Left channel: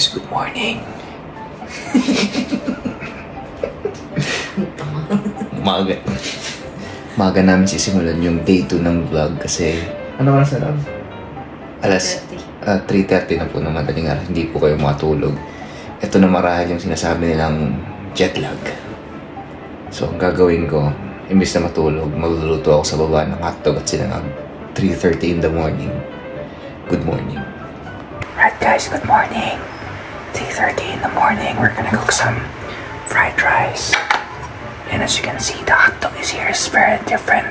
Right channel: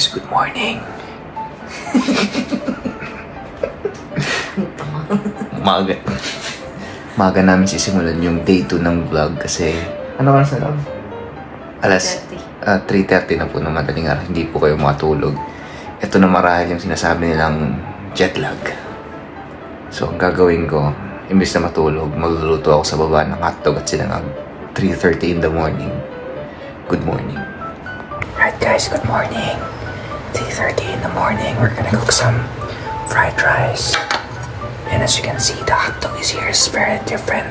guys, good morning. Umaga namin sisimulan yung day 2 ng vlog kasi ano oras na lang? Alas 3:30 na po ng madaling araw. Hindi po kayo matulog. Ito na marahil yung sinasabi nilang jet lag. So ang gagawin ko, imbis na matulog, magluluto ako sa baba ng hotdog at sinangag 3:30 in the morning. Good morning. Right guys, good morning. 3:30 in the morning, we're gonna cook some fried rice. And as you can see, the hot dog is here is very different.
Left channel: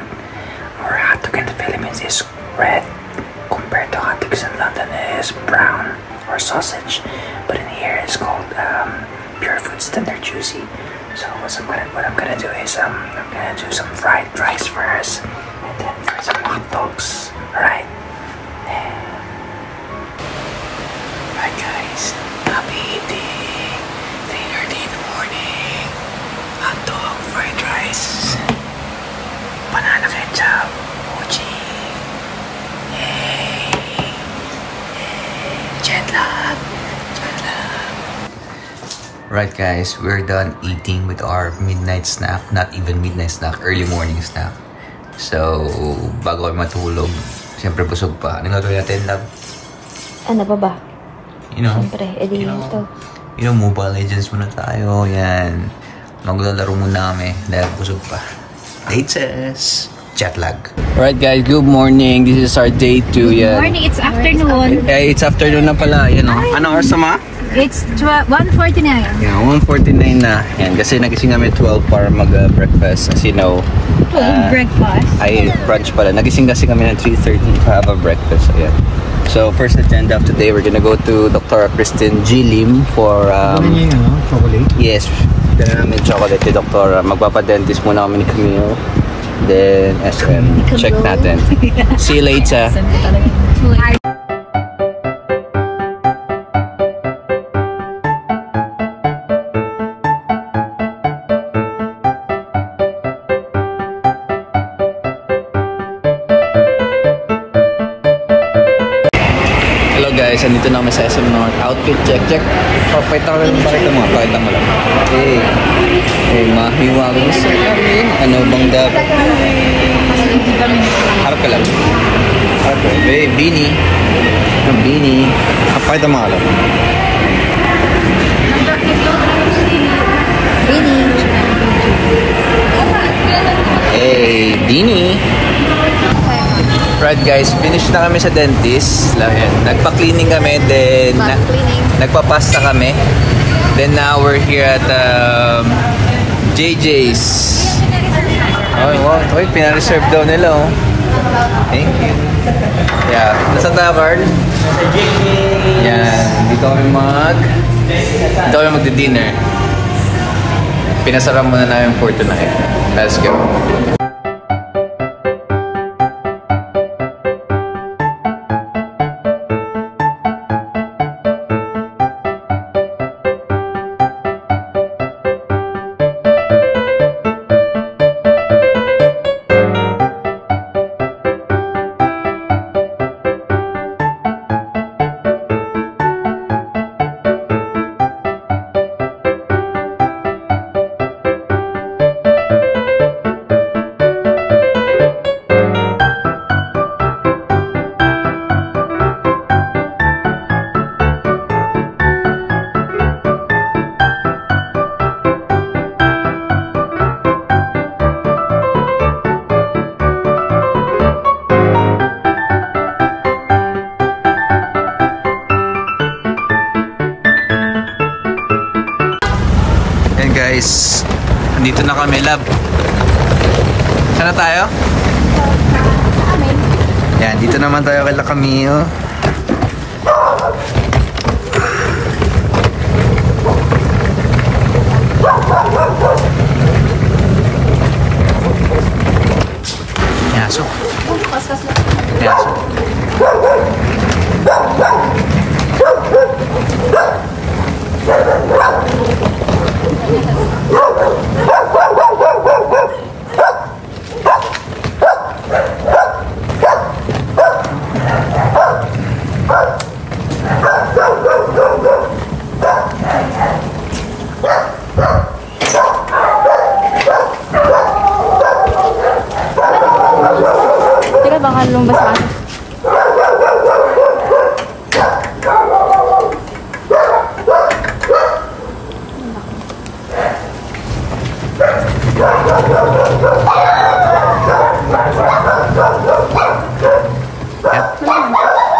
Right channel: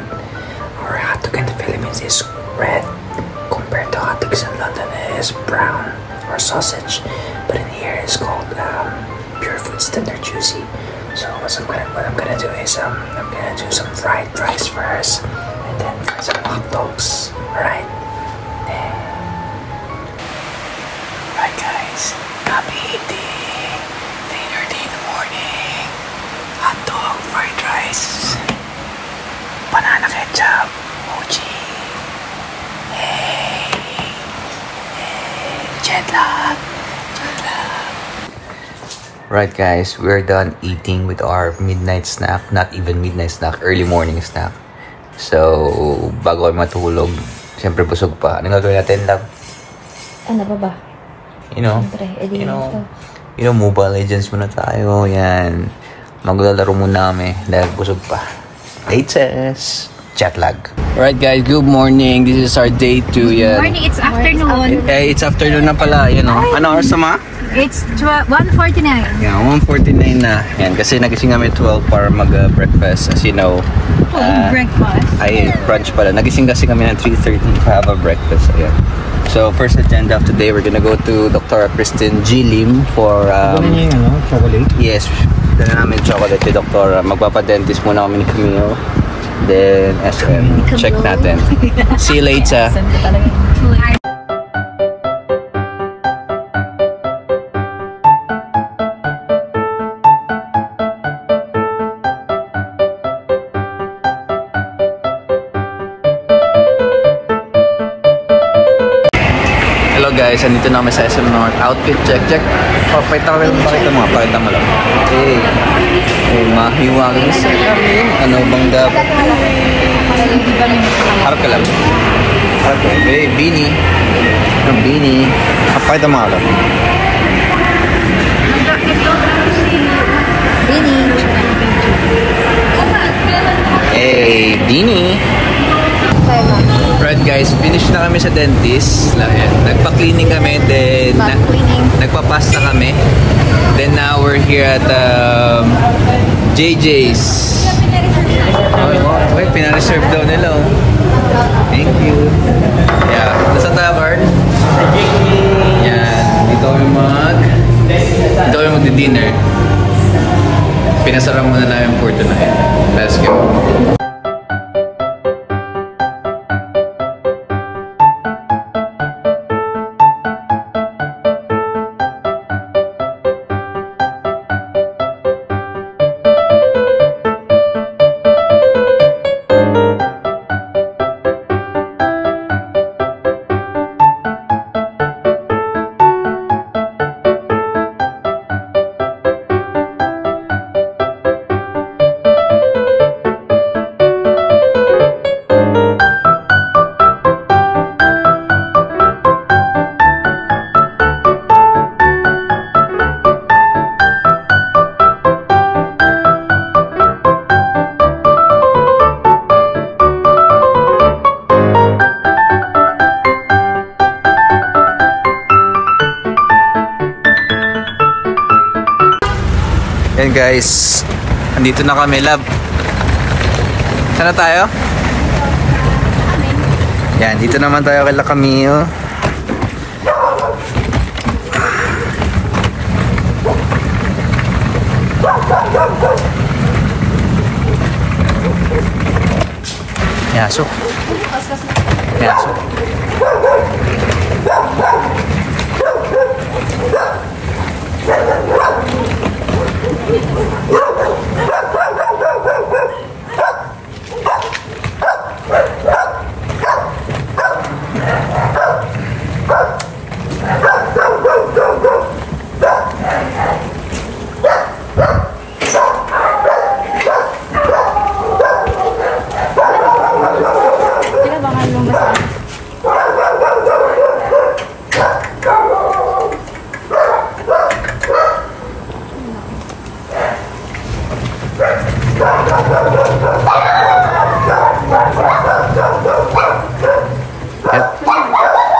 Our hot dog in the Philippines is red compared to hot dogs in London. It is brown or sausage, but in here it's called Pure Foods Tender Juicy. So what I'm gonna do is I'm gonna do some fried rice first, and then some hot dogs. All right. Right guys, I'm eating 3:30 in the morning. Hot dog, fried rice, banana ketchup, mochi. Hey, jet lag. Right guys, we're done eating with our midnight snack. Not even midnight snack, early morning snack. So, bago kami matulog, siyempre busog pa. Anong gagawin natin, love? Ano pa ba? You know, Mobile Legends muna tayo. Yan. Maglalaro muna kami dahil busog pa. Latest jet lag. Alright guys, good morning. This is our day 2. Good morning, it's afternoon. It's afternoon na pala. Yan o. Ano oras na ma? It's 1:49. Yeah, 1:49 na. Yan, kasi nagising kami 12 para mag-breakfast. As you know. Breakfast? Ay, brunch pala. Nagising kasi kami ng 3:30 to have a breakfast. Ayan. So, first agenda of today, we're gonna go to Dr. Kristen G. Lim for... chocolate? Yes. Dala namin chocolate kay Dr. Magpapadentist muna kami ni Camille. Then, SM. Check natin. See you later. Hello guys, andito na kami sa SM North. Outfit check. Oh, pakita mo lang. Okay. Mahiwagang sa kami. Ano bang dapat? Harap ka lang. Harap ka. Beanie. Beanie. Pakita mo lang. Beanie. Hey, beanie. Right guys, finish na kami sa dentist. Nagpa-cleaning kami, then nagpa-pasta kami. Then now we're here at JJ's. Oh, wait, pina-reserve daw nila. Thank you. Yeah, nasa tayo card? Yan, dito kami magdi-dinner. Pinasara muna namin for tonight. Let's go. Yan guys, andito na kami, love. Sana tayo? Yan, dito naman tayo kay Camille. Yaso. Yaso.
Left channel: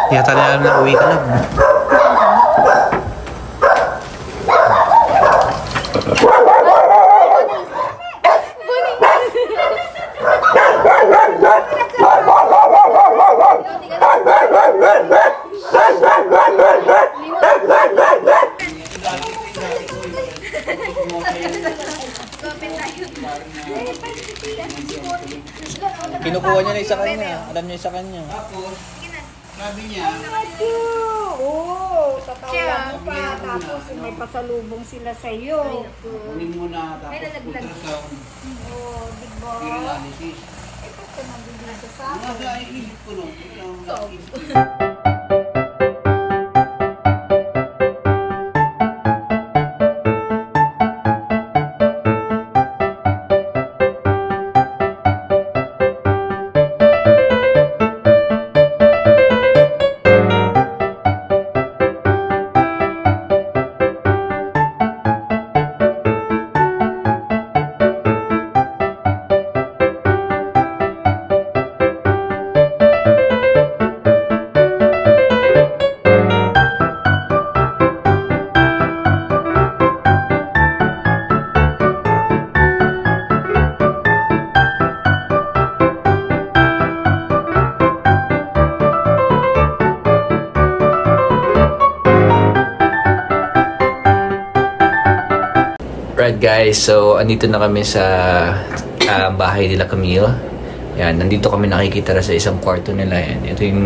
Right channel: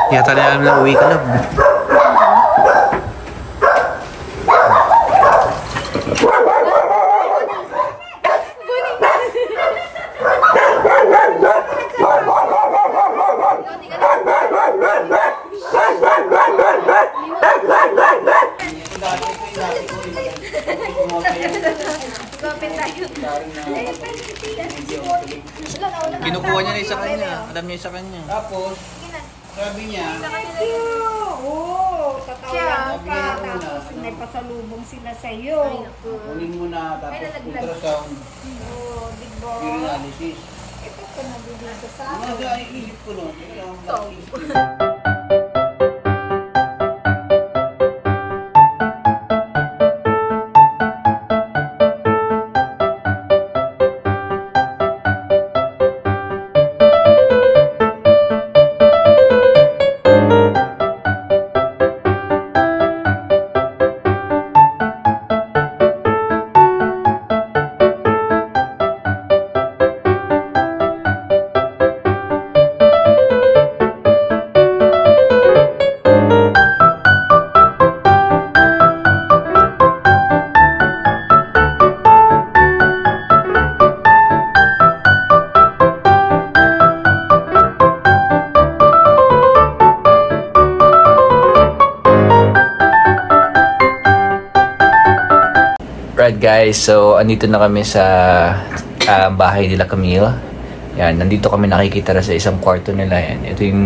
Yata na namin na uwi ka lang. Kinukuha niya na isa kanya. Alam niya isa kanya. Tapos, sabi niya, oo, tatawa pa. Tapos may pasalubong sila sa iyo. kunin mo na tapos ultrasound. Oo, diba? Urinalysis. Ito ka nabibigay sa Wala, iisip ko no. Ito ang iisip ko. Right guys, so andito na kami sa bahay nila Camille. Yan, nandito kami nakikita na sa isang kwarto nila. Yan. Ito yung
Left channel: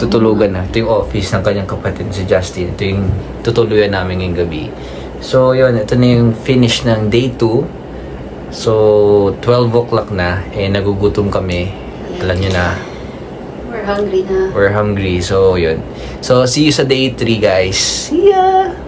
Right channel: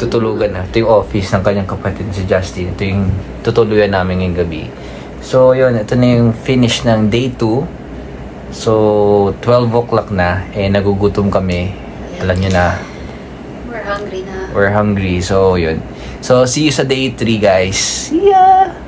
tutulugan na. Ito yung office ng kanyang kapatid si Justin. Ito yung tutuluyan namin ngayong gabi. So yun, ito na yung finish ng day 2. So 12 o'clock na. Eh nagugutom kami. Alam nyo na. We're hungry na. We're hungry. So yun. So see you sa day 3 guys. See ya!